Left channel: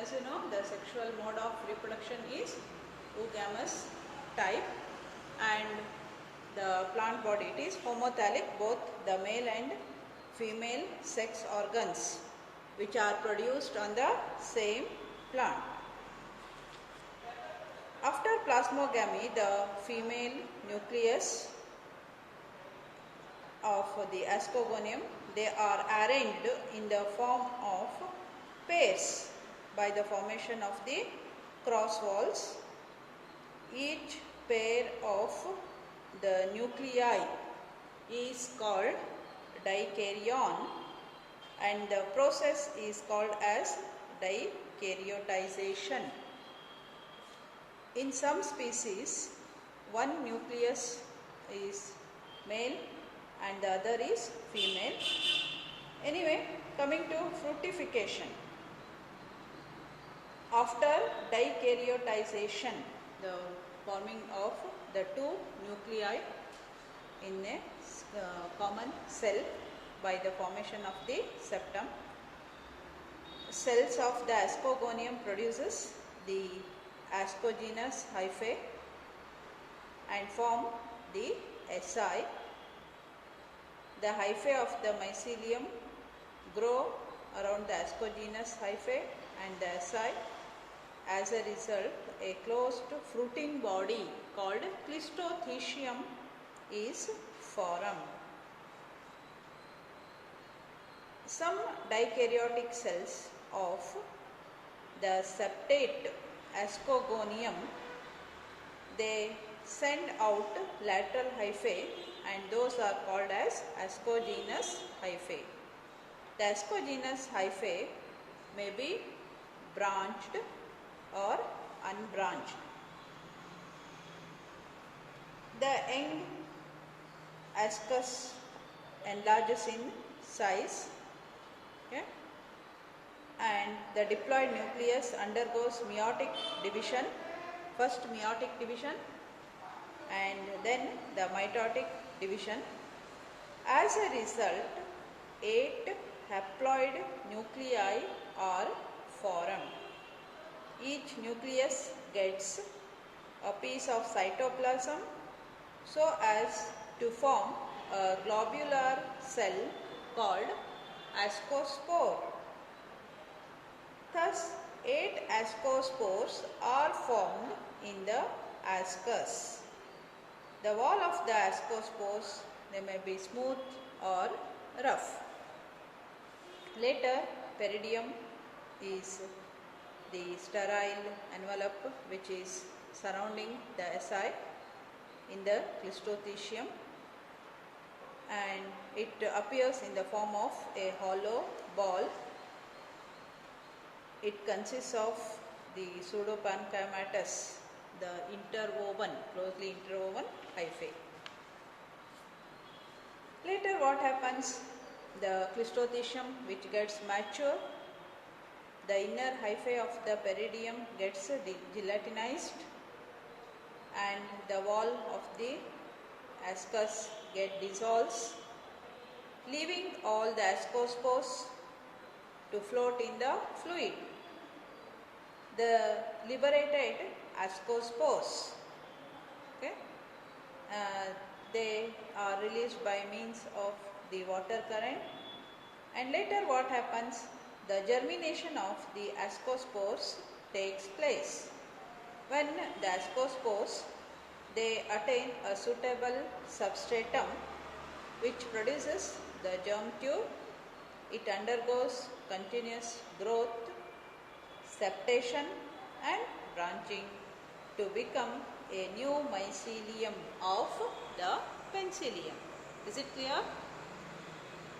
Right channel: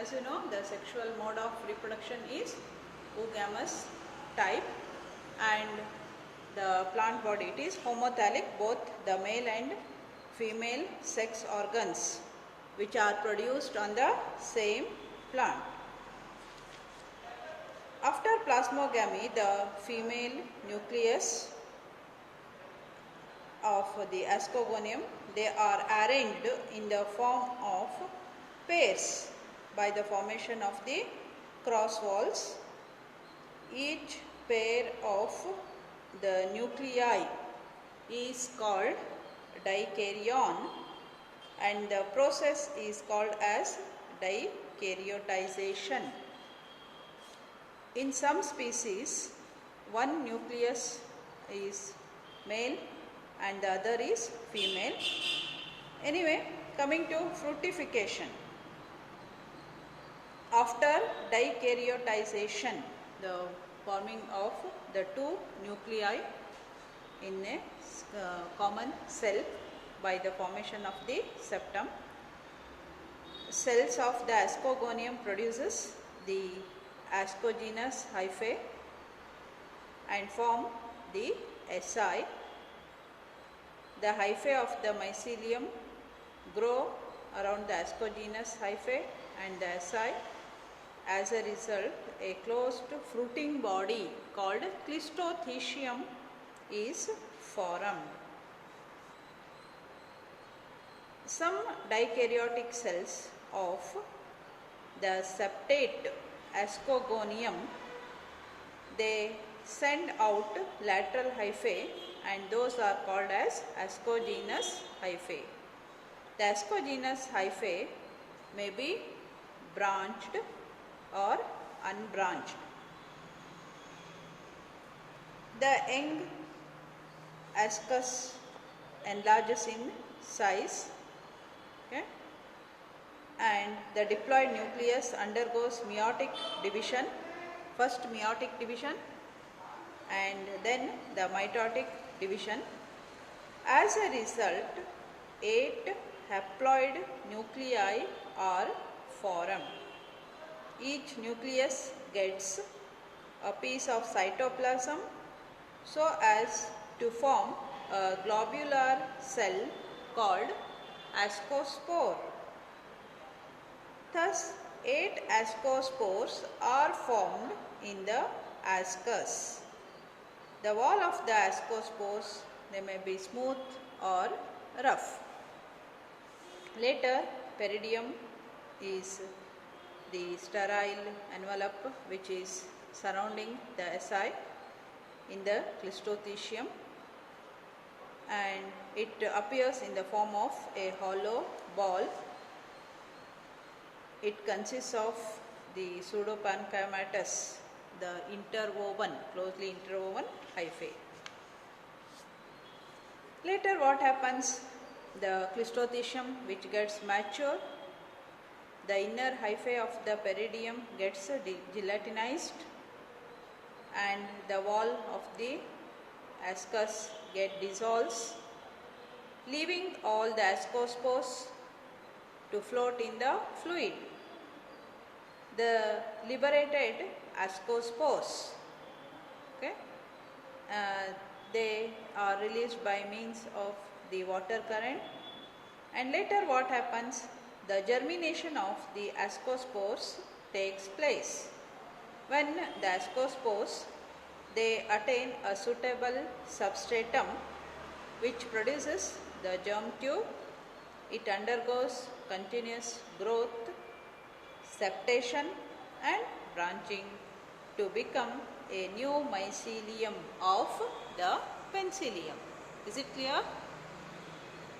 As you know, the sexual mode of reproduction is oogamous type, and the plant body, it is homothallic, both the male and female sex organs which are produced on the same plant. After plasmogamy, the female nucleus of the ascogonium, they are arranged in the form of pairs by the formation of the cross walls. Each pair of the nuclei is called dikaryon, and the process is called as dikaryotization. In some species, one nucleus is male and the other is female. Anyway, coming to fructification. After dikaryotization, the forming of the two nuclei in a common cell by the formation of the septum, cells of the ascogonium produces the ascogenous hyphae and form the SI. The hyphae of the mycelium grow around the ascogenous hyphae and the SI. As a result, a closed fruiting body called Clistothecium is formed. Some dikaryotic cells of the septate ascogonium, they send out lateral hyphae, and those are called as ascogenous hyphae. The ascogenous hyphae may be branched or unbranched. The young ascus enlarges in size, okay, and the diploid nucleus undergoes meiotic division, first meiotic division and then the mitotic division. As a result, 8 haploid nuclei are formed. Each nucleus gets a piece of cytoplasm so as to form a globular cell called ascospore. Thus, 8 ascospores are formed in the ascus. The wall of the ascospores, they may be smooth or rough. Later, peridium is the sterile envelope which is surrounding the SI in the Clistothecium, and it appears in the form of a hollow ball. It consists of the pseudopanchymatous, the interwoven, closely interwoven hyphae. Later what happens? The Clistothecium which gets mature, the inner hyphae of the peridium gets gelatinized and the wall of the ascus dissolves, leaving all the ascospores to float in the fluid. The liberated ascospores, okay, they are released by means of the water current, and later what happens? The germination of the ascospores takes place. When the ascospores, they attain a suitable substratum which produces the germ tube, it undergoes continuous growth, septation and branching to become a new mycelium of the penicillium. Is it clear?